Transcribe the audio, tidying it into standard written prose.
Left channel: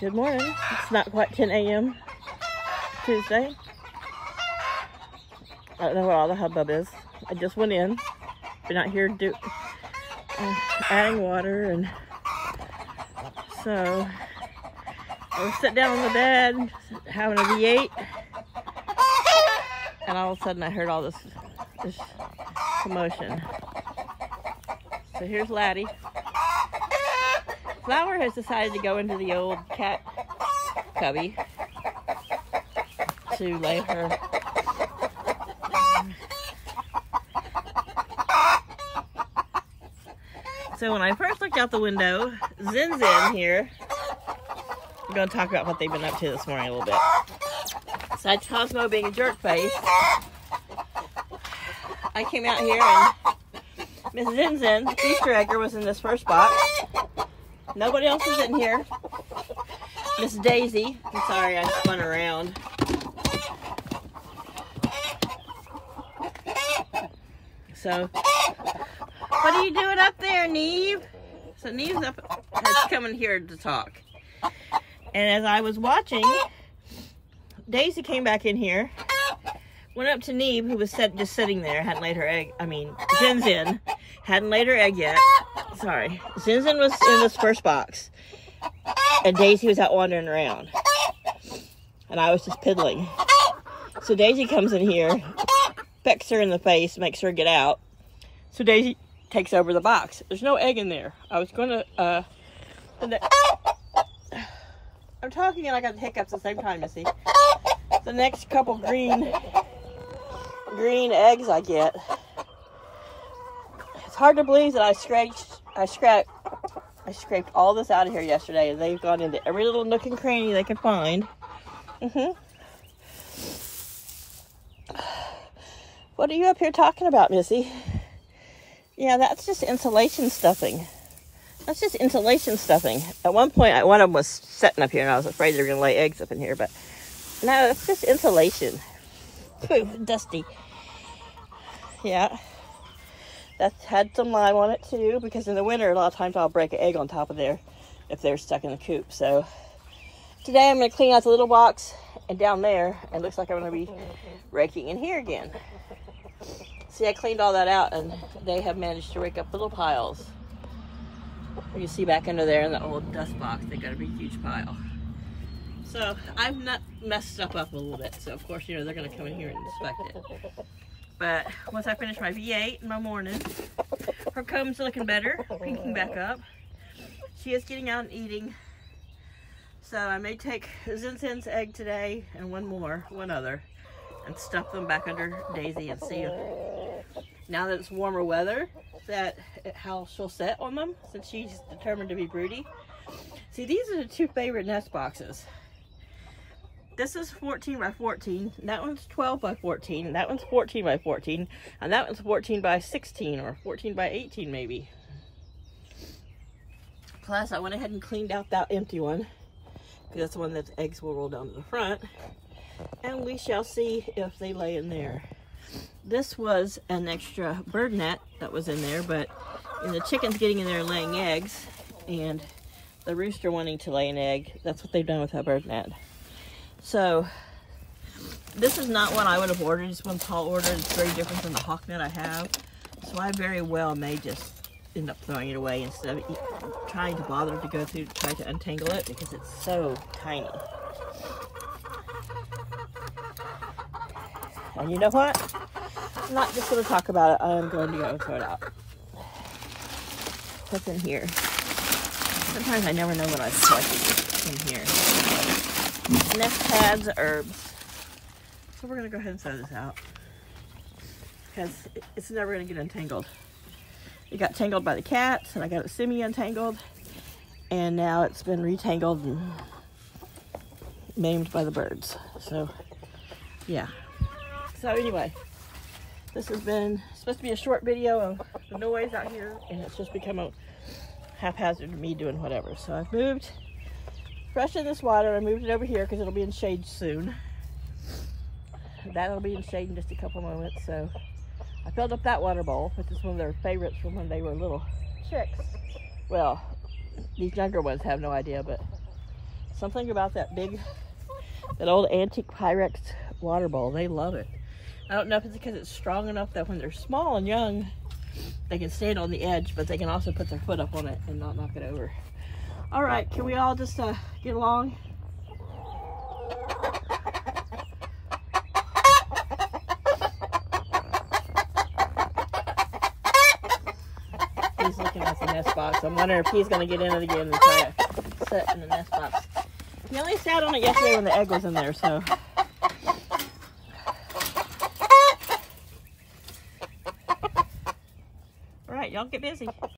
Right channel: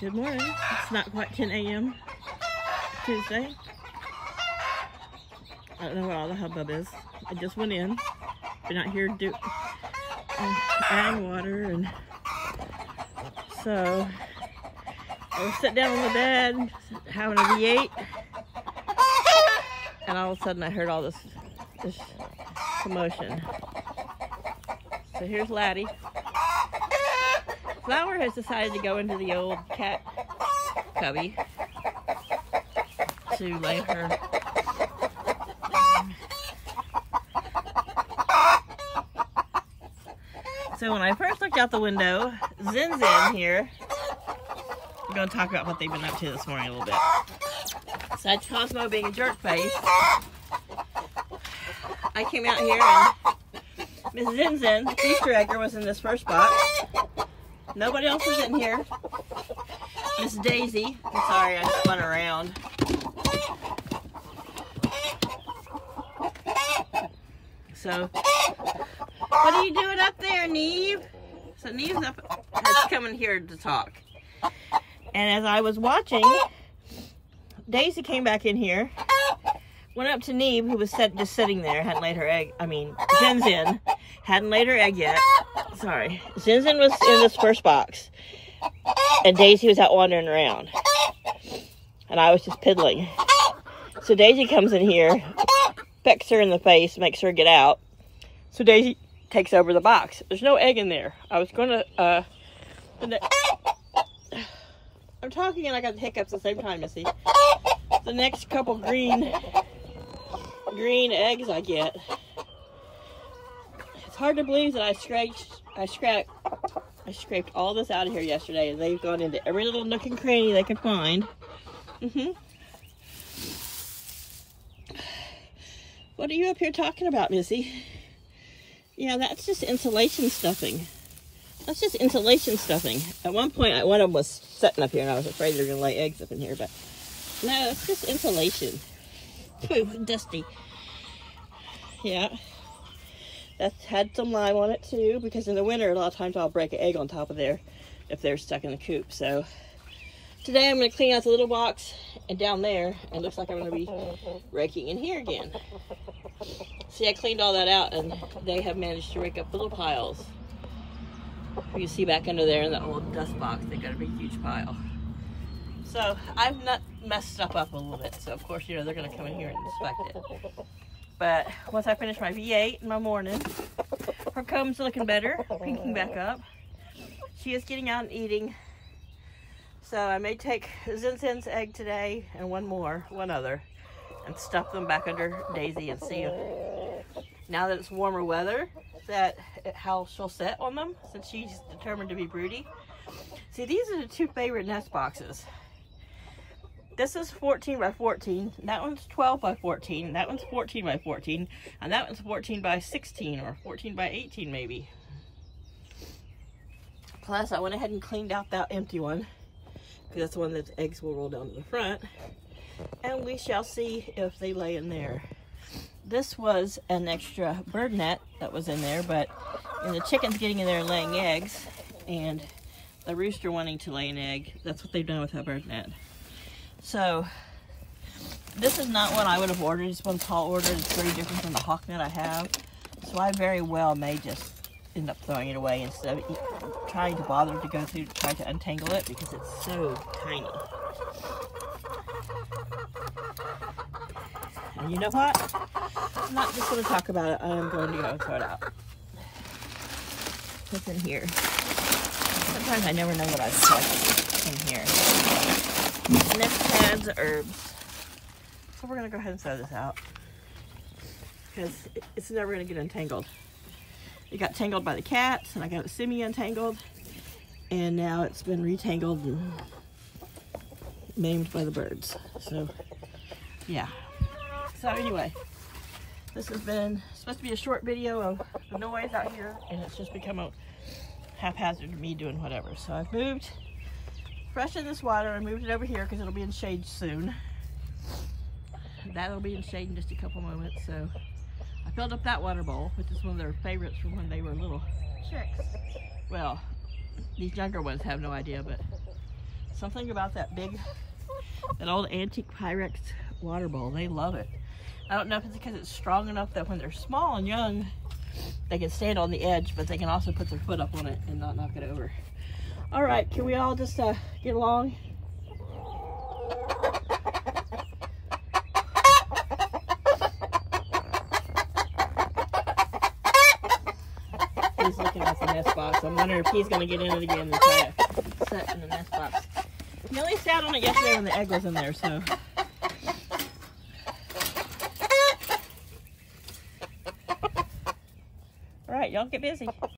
Good morning. It's not quite 10 a.m. Tuesday. I don't know what all the hubbub is. I just went in. We're not here to adding water, and so I was sitting down on the bed having a V8, and all of a sudden I heard all this commotion. So here's Laddie. Flower has decided to go into the old cat cubby to lay her. So when I first looked out the window, Zin's in here. We're going to talk about what they've been up to this morning a little bit. Besides Cosmo being a jerk face, I came out here and Miss Zinzin, the Easter egger, was in this first box. Nobody else is in here. Miss Daisy, I'm sorry I spun around. So, what are you doing up there, Neve? So Neve's up, has come in here to talk. And as I was watching, Daisy came back in here, went up to Neve, who was just sitting there, hadn't laid her egg, Zinzin, hadn't laid her egg yet. Sorry. Zinzin was in this first box, and Daisy was out wandering around, and I was just piddling. So Daisy comes in here, pecks her in the face, makes her get out. So Daisy takes over the box. There's no egg in there. I was going to, I'm talking and I got the hiccups at the same time, Missy. The next couple green eggs I get. It's hard to believe that I scraped all this out of here yesterday, and they've gone into every little nook and cranny they could find. What are you up here talking about, Missy? Yeah, that's just insulation stuffing. That's just insulation stuffing. At one point, one of them was sitting up here, and I was afraid they were going to lay eggs up in here, but no, that's just insulation. Pooh, dusty. Yeah. That's had some lime on it too, because in the winter, a lot of times I'll break an egg on top of there if they're stuck in the coop. So today I'm going to clean out the little box, and down there, it looks like I'm going to be raking in here again. See, I cleaned all that out, and they have managed to rake up little piles. You see back under there in that old dust box, they got a big, huge pile. So I've not messed stuff up a little bit. So of course, you know, they're going to come in here and inspect it. But once I finish my V8 in my morning, her comb's looking better, pinking back up. She is getting out and eating. So I may take Zinzin's egg today and one other, and stuff them back under Daisy and see if, now that it's warmer weather, how she'll set on them, since she's determined to be broody. See, these are the two favorite nest boxes. This is 14 by 14, that one's 12 by 14, and that one's 14 by 14, and that one's 14 by 16, or 14 by 18 maybe. Plus, I went ahead and cleaned out that empty one, because that's the one that the eggs will roll down to the front, and we shall see if they lay in there. This was an extra bird net that was in there, but the chicken's getting in there and laying eggs, and the rooster wanting to lay an egg, that's what they've done with that bird net. So this is not one I would have ordered. This one's tall ordered. It's very different from the hawk net I have. So I very well may just end up throwing it away instead of trying to bother to go through to try to untangle it, because it's so tiny. And you know what? I'm not just going to talk about it. I am going to go and throw it out. What's in here? Sometimes I never know what I've put in here. Nest pads, herbs. So we're going to go ahead and throw this out, because it's never going to get untangled. It got tangled by the cats, and I got it semi-untangled, and now it's been retangled and maimed by the birds. So, yeah. So anyway, this has been supposed to be a short video of the noise out here, and it's just become a haphazard me doing whatever. So I've moved, freshened this water, I moved it over here because it'll be in shade soon. That'll be in shade in just a couple moments. So I filled up that water bowl, which is one of their favorites from when they were little chicks. Well, these younger ones have no idea, but Something about that old antique Pyrex water bowl. They love it. I don't know if it's because it's strong enough that when they're small and young, they can stand on the edge, but they can also put their foot up on it and not knock it over. All right, can we all just get along? He's looking at the nest box. I'm wondering if he's going to get in it again and try to sit in the nest box. He only sat on it yesterday when the egg was in there, so. All right, y'all get busy.